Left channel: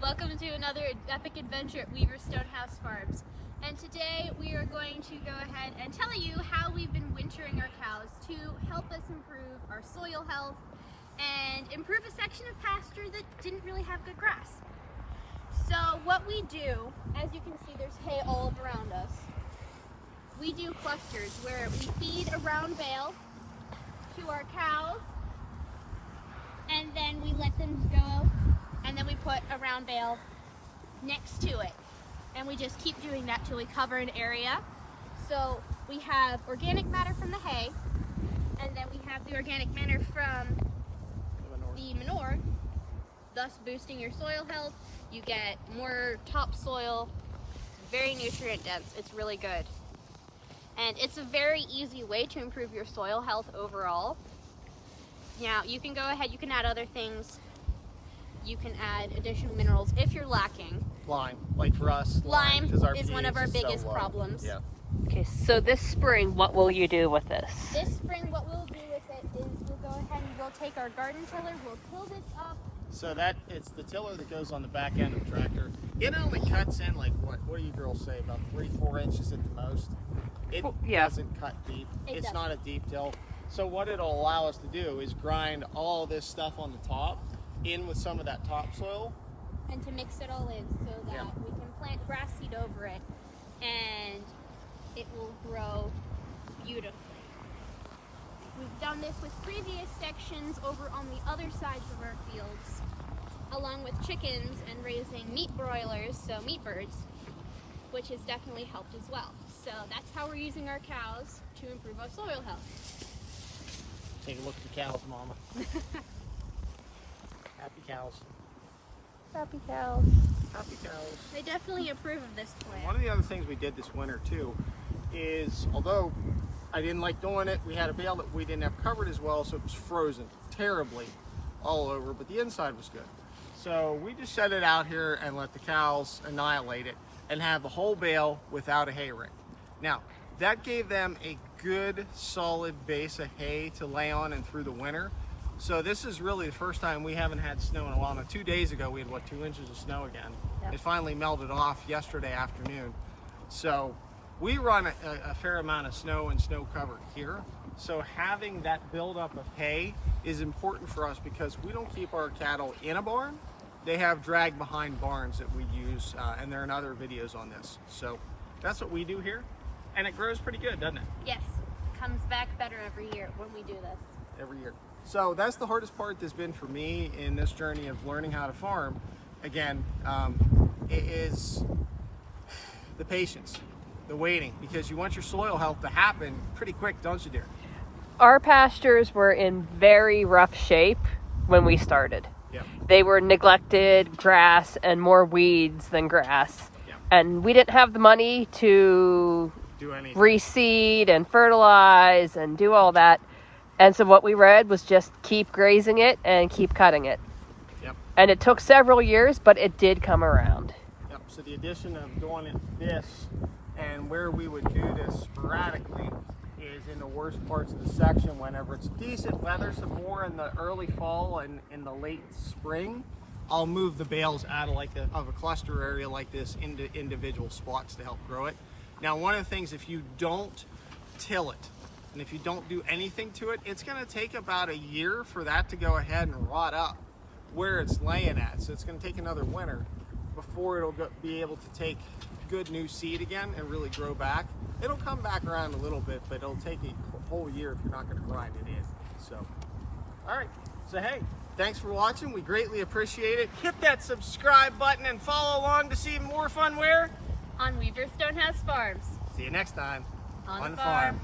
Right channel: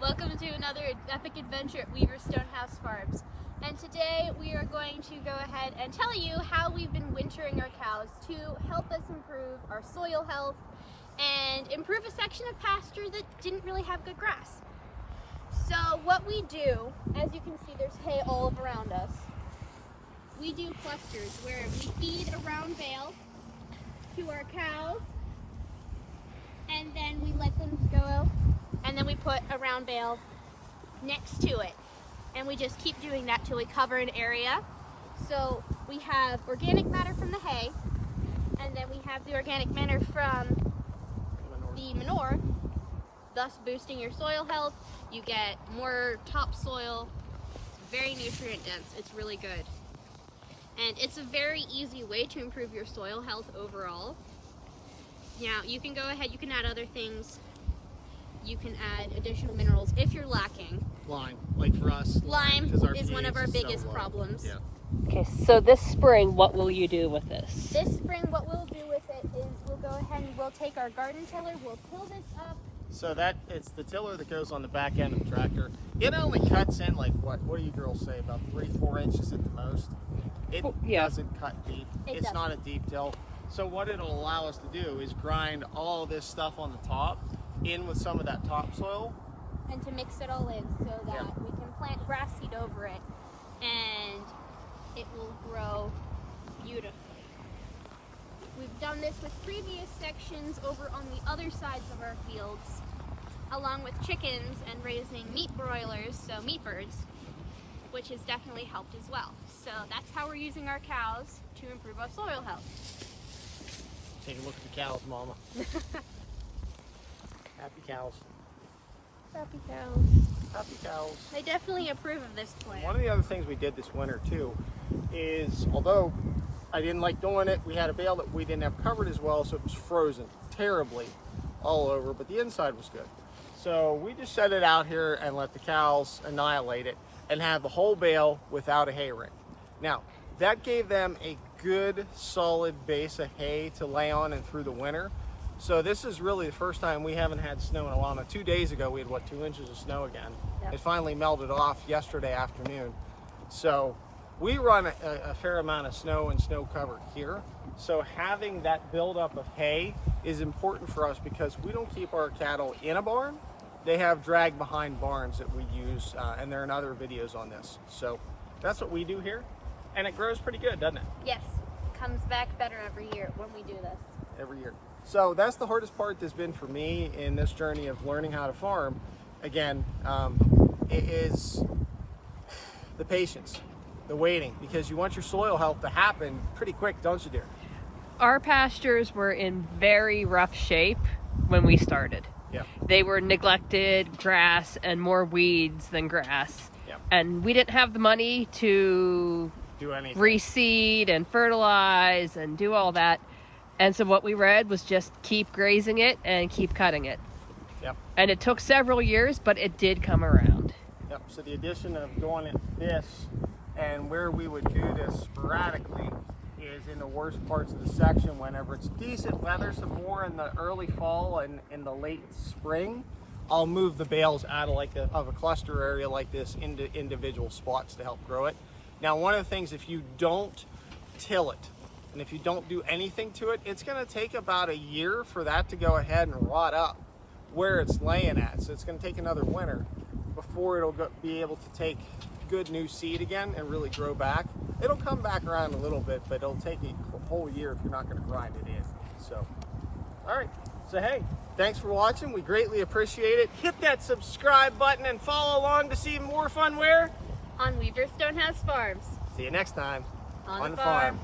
Welcome to another epic adventure at Weaver Stonehouse Farms. And today we are going to go ahead and tell you how we've been wintering our cows to help us improve our soil health and improve a section of pasture that didn't really have good grass. So what we do, as you can see, there's hay all around us. We do clusters where we feed a round bale to our cows, and then we let them go, and then we put a round bale next to it, and we just keep doing that till we cover an area. So we have organic matter from the hay, and then we have the organic matter from the manure, thus boosting your soil health. You get more topsoil. It's very nutrient dense. It's really good. And it's a very easy way to improve your soil health overall. Now, you can go ahead, you can add other things. You can add additional minerals if you're lacking. Lime, like for us, lime is one of our biggest problems. Yeah. Okay, so this spring, what will you do with this? This spring, what we'll do with it is we'll go ahead and we'll take our garden tiller, we'll pull this up. So it's the tiller that goes on the back end of the tractor. It only cuts in like, what do you girls say, about 3-4 inches at the most? It doesn't cut deep. It's not a deep till. So what it'll allow us to do is grind all this stuff on the top in with some of that topsoil. And to mix it all in so that we can plant grass seed over it and it will grow beautifully. We've done this with previous sections over on the other sides of our fields, along with chickens and raising meat broilers, so meat birds, which has definitely helped as well. So that's how we're using our cows to improve our soil health. Take a look at the cows, Mama. Happy cows. Happy cows. Happy cows. I definitely approve of this plan. One of the other things we did this winter too is, although I didn't like doing it, we had a bale that we didn't have covered as well, so it was frozen terribly all over, but the inside was good. So we just set it out here and let the cows annihilate it and have the whole bale without a hay ring. Now, that gave them a good solid base of hay to lay on and through the winter. So this is really the first time we haven't had snow in a while. 2 days ago we had 2 inches of snow again. Yep. It finally melted off yesterday afternoon. So we run a fair amount of snow and snow cover here. So having that buildup of hay is important for us because we don't keep our cattle in a barn. They have drag behind barns that we use, and there are other videos on this. So that's what we do here, and it grows pretty good, doesn't it? Yes, it comes back better every year when we do this. Every year. So that's the hardest part that's been for me in this journey of learning how to farm. Again, it is the patience, the waiting, because you want your soil health to happen pretty quick, don't you, dear? Our pastures were in very rough shape when we started. Yeah. They were neglected grass and more weeds than grass. Yeah. And we didn't have the money to do anything. Reseed and fertilize and do all that. And so what we read was just keep grazing it and keep cutting it. Yep. And it took several years, but it did come around. Yep. So the addition of going at this and where we would do this sporadically is in the worst parts of the section whenever it's decent weather, so more in the early fall and in the late spring. I'll move the bales out of a cluster area like this into individual spots to help grow it. Now, one of the things, if you don't till it, and if you don't do anything to it, it's going to take about a year for that to go ahead and rot up where it's laying at. So it's going to take another winter before it'll be able to take good new seed again and really grow back. It'll come back around a little bit, but it'll take a whole year if you're not going to grind it in. So, all right. So, hey, thanks for watching. We greatly appreciate it. Hit that subscribe button and follow along to see more fun where? On Weaver Stonehouse Farms. See you next time on the farm.